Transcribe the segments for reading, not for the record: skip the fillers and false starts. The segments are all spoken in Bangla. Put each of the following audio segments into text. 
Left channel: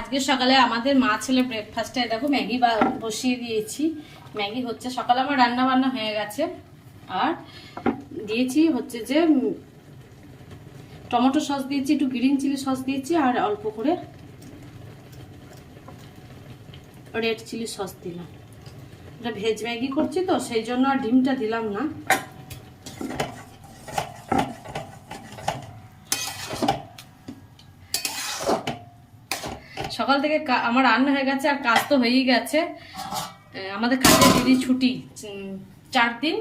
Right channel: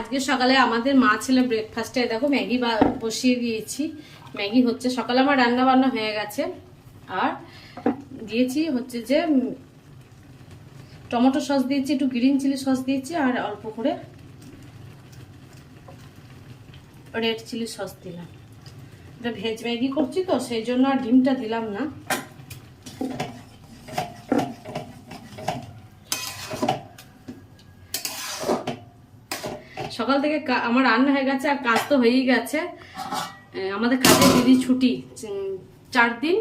আজকে সকালে আমাদের মা ছেলে ব্রেকফাস্টে দেখো ম্যাগি বসিয়ে দিয়েছি। ম্যাগি হচ্ছে, সকালে আমার রান্না বান্না হয়ে গেছে। আর দিয়েছি হচ্ছে যে টমেটো সস দিয়েছি, একটু গ্রিন চিলি সস দিয়েছি, আর অল্প করে রেড চিলি সস দিলাম। এটা ভেজ ম্যাগি করছি তো সেই জন্য আর ডিমটা দিলাম না। সকাল থেকে আমার রান্না হয়ে গেছে আর কাজ তো হয়েই গেছে। আমাদের কাজের দিদি ছুটি 4 দিন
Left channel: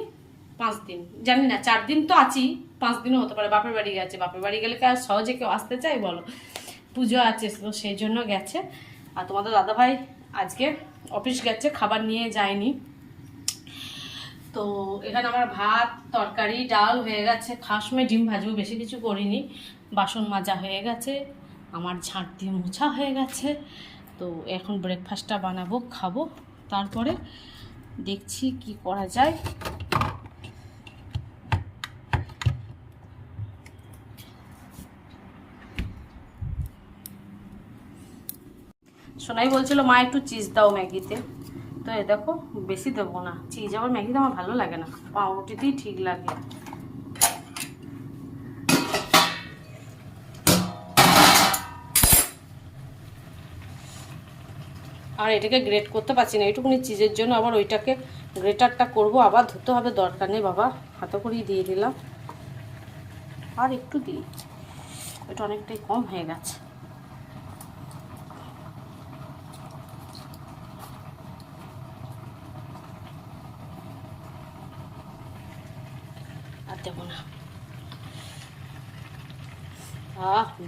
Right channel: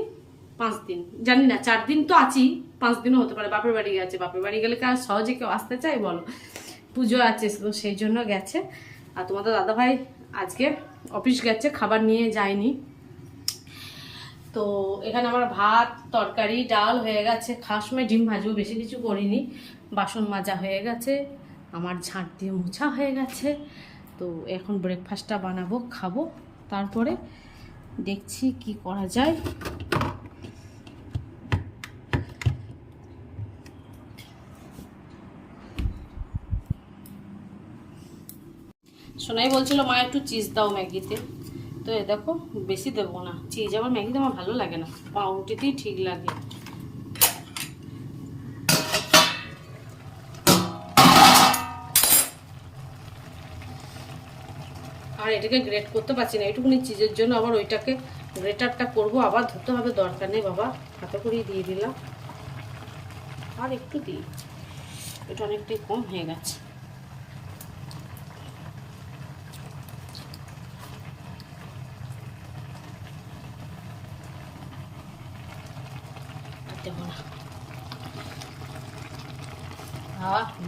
5 দিন জানি না, 4 দিন তো আছি, 5 দিনও হতে পারে। বাপের বাড়ি গেছে, বাপের বাড়ি গেলে কার সহজে কেউ আসতে চাই বলো, পুজো আছে তো সেই জন্য গেছে। আর তোমাদের দাদাভাই আজকে অফিস গেছে, খাবার নিয়ে যায়নি। তো এখানে আমার ভাত তরকারি ডাল হয়ে গেছে, খাওয়ার সময় ডিম ভাজবো, বেশি কিছু করিনি। বাসন মাজা হয়ে গেছে, আমার ঝাঁট দিয়ে মোছা হয়ে গেছে। তো এখন ব্রেকফাস্টটা বানাবো, খাবো, তারপরে দেখছি কি করা যায়। সোনাই বলছিল মা একটু চিজ দাও ম্যাগিতে, তো এ দেখো বেশি দেবো না চিজ, আবার ম্যাগিতে আমার ভালো লাগে না, পাউরুটিতেই ঠিক লাগে। আর এটাকে গ্রেট করতে পারছি না, এইটুকুনি চিজের জন্য আবার ওইটাকে গ্রেটারটা করব, আবার ধরতে হবে, দরকার নেই বাবা, হাতে করেই দিয়ে দিলাম। আর একটু দিই, এটা অনেকটাই কম হয়ে গেছে। আর দেবো না।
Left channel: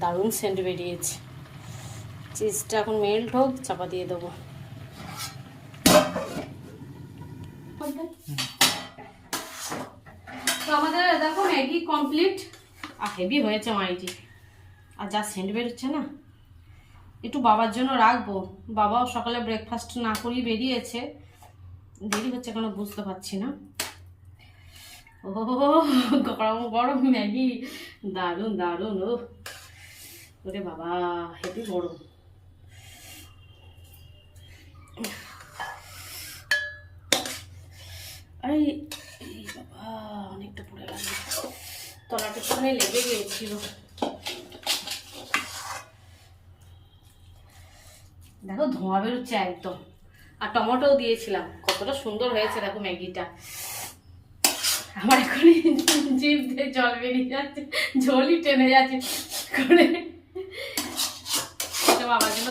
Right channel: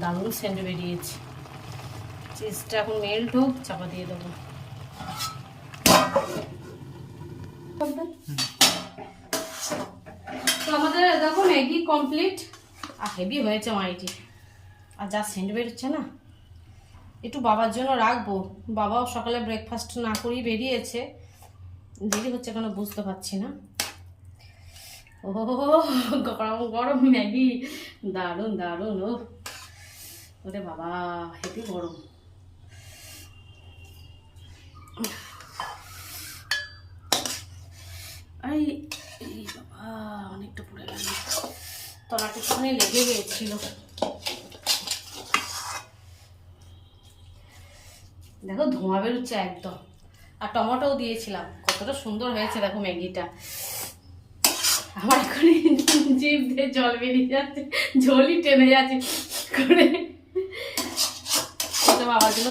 দারুণ সেন্ট বেরিয়েছে। চিজটা এখন মেল্ট হোক, চাপা দিয়ে দেবো। তো আমাদের দেখো ম্যাগি কমপ্লিট। আর হেভি হয়েছে মাইটি, আর যা সেন্ট বেরোচ্ছে না। একটু বাবার জন্য রাখবো, বাবাও সকালে ব্রেকফাস্ট না করেই বেরিয়েছে। দেরি হচ্ছে কেন বুঝতে পারছি না। ও গরম গরম ম্যাগি, দারুণ দারুণ। ও ওরে বাবা, হেভি গরম। এই বাবা, অনেকটা পুড়ে গেল, তলাটার সময় লেগে গিয়েছিল। দেখো ধোঁয়া বেরোচ্ছে একদম। আর টমেটোও দিয়েছিলাম, কতটা সুন্দর হয়েছে দেখো ম্যাগিটা। আমার এখন জিভ দিয়ে জল বেরিয়ে যাচ্ছে, ঝোলই টেনে যাচ্ছে করে। বাবার জন্য